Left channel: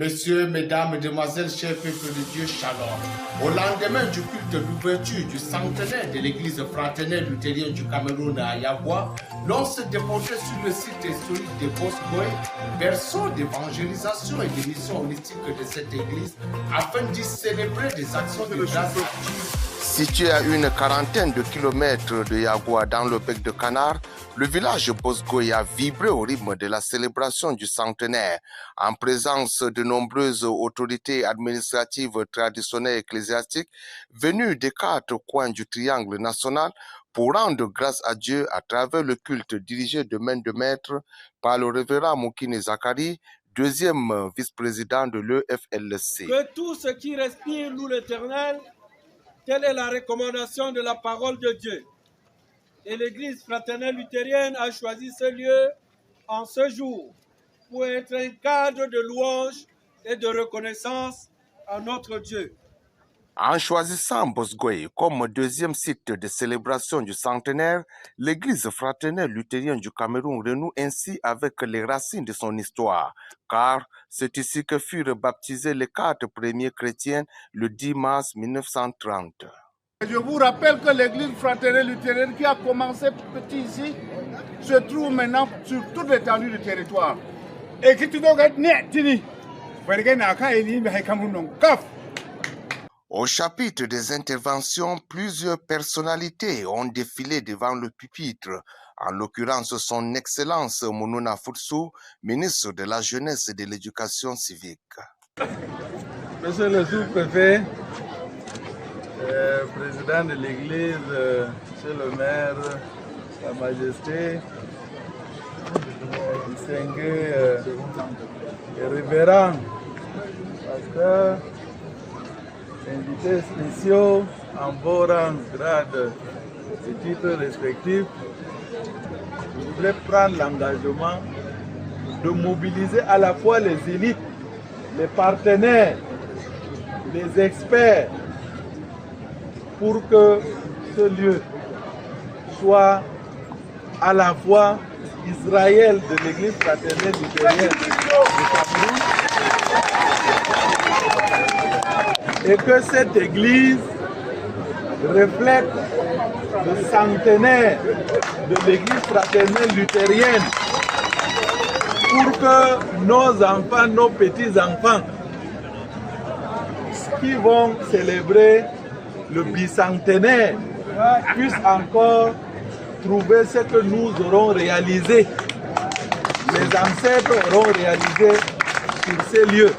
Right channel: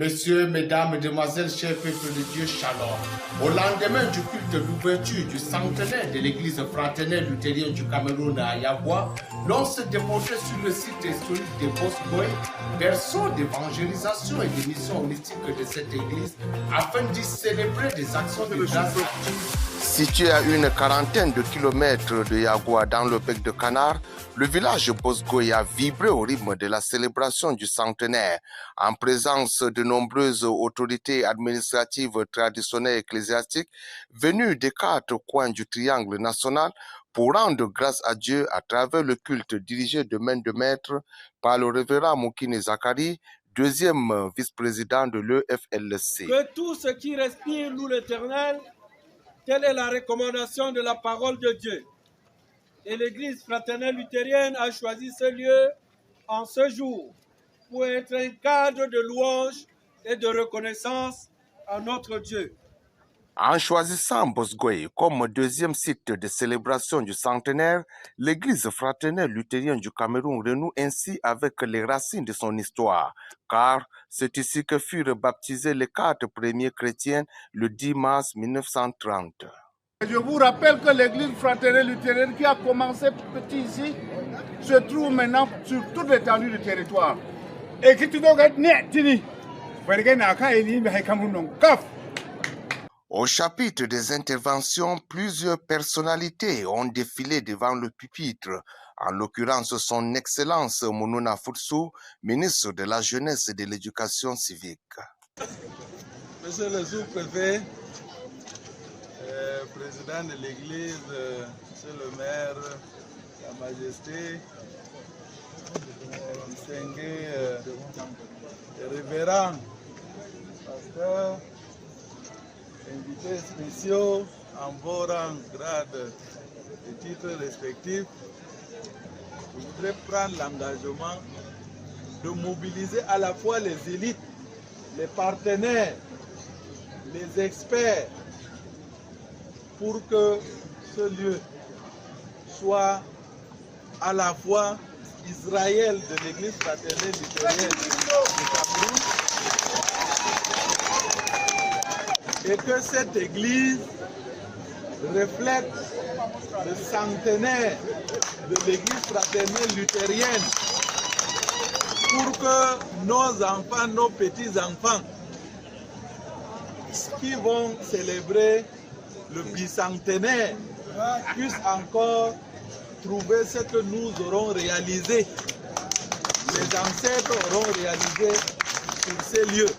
Messieurs, mesdames, mesdemoiselles, chers peuples de Dieu, shalom. Au lendemain du culte d'ouverture du centenaire de l'église fraternelle luthérienne du Cameroun à Yagua, l'on se déportait sur le site historique de Bosgoy, berceau d'évangélisation et de mission holistique de cette église, afin d'y célébrer des actions de grâce à Dieu. Situé à une quarantaine de kilomètres de Yagua dans le bec de Canard, le village Bosgoy a vibré au rythme de la célébration du centenaire, en présence de nombreuses autorités administratives, traditionnelles et ecclésiastiques venues des quatre coins du triangle national pour rendre grâce à Dieu à travers le culte dirigé de main de maître par le révérend Moukine Zakari, deuxième vice-président de l'EFLC. Que tout ce qui respire loue l'Éternel. Telle est la recommandation de la parole de Dieu. Et l'Église fraternelle luthérienne a choisi ce lieu en ce jour pour être un cadre de louange et de reconnaissance à notre Dieu. En choisissant Bosgoy comme deuxième site de célébration du centenaire, l'Église fraternelle luthérienne du Cameroun renoue ainsi avec les racines de son histoire, car c'est ici que furent baptisés les quatre premiers chrétiens le 10 mars 1930. Je vous rappelle que l'Église fraternelle luthérienne qui a commencé petit ici se trouve maintenant sur toute l'étendue du territoire. Et qui Au chapitre des interventions, plusieurs personnalités ont défilé devant le pupitre, en l'occurrence son Excellence Mounouna Foutsou, ministre de la Jeunesse et de l'Éducation civique. Monsieur le sous-préfet, président de l'Église, monsieur le maire, Sa Majesté, distingués révérends, pasteurs, invités spéciaux en vos rangs, grades et titres respectifs, je voudrais prendre l'engagement de mobiliser à la fois les élites, les partenaires, les experts, pour que ce lieu soit à la fois Israël de l'Église fraternelle luthérienne du Cameroun, et que cette église reflète le centenaire de l'église fraternelle luthérienne pour que nos enfants, nos petits-enfants qui vont célébrer le bicentenaire puissent encore trouver ce que nous aurons réalisé, les ancêtres auront réalisé sur ces lieux.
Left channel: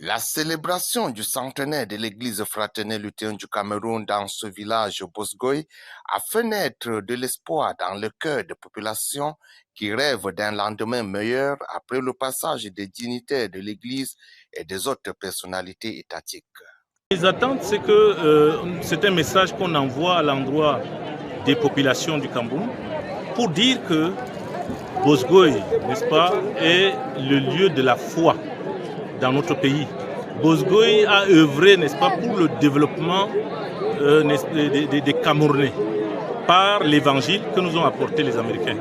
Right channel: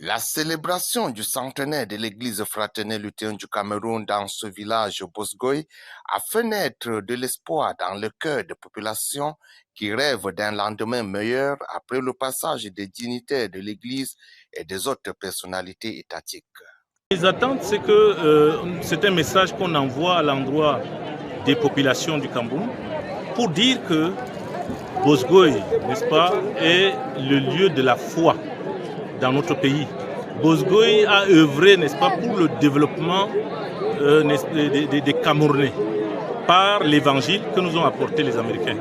La célébration du centenaire de l'église fraternelle luthérienne du Cameroun dans ce village Bosgoy a fait naître de l'espoir dans le cœur des populations qui rêvent d'un lendemain meilleur après le passage des dignitaires de l'église et des autres personnalités étatiques. Les attentes, c'est que c'est un message qu'on envoie à l'endroit des populations du Cameroun pour dire que Bosgoy, n'est-ce pas, est le lieu de la foi dans notre pays. Bosgoy a œuvré, n'est-ce pas, pour le développement des Camerounais par l'évangile que nous ont apporté les Américains.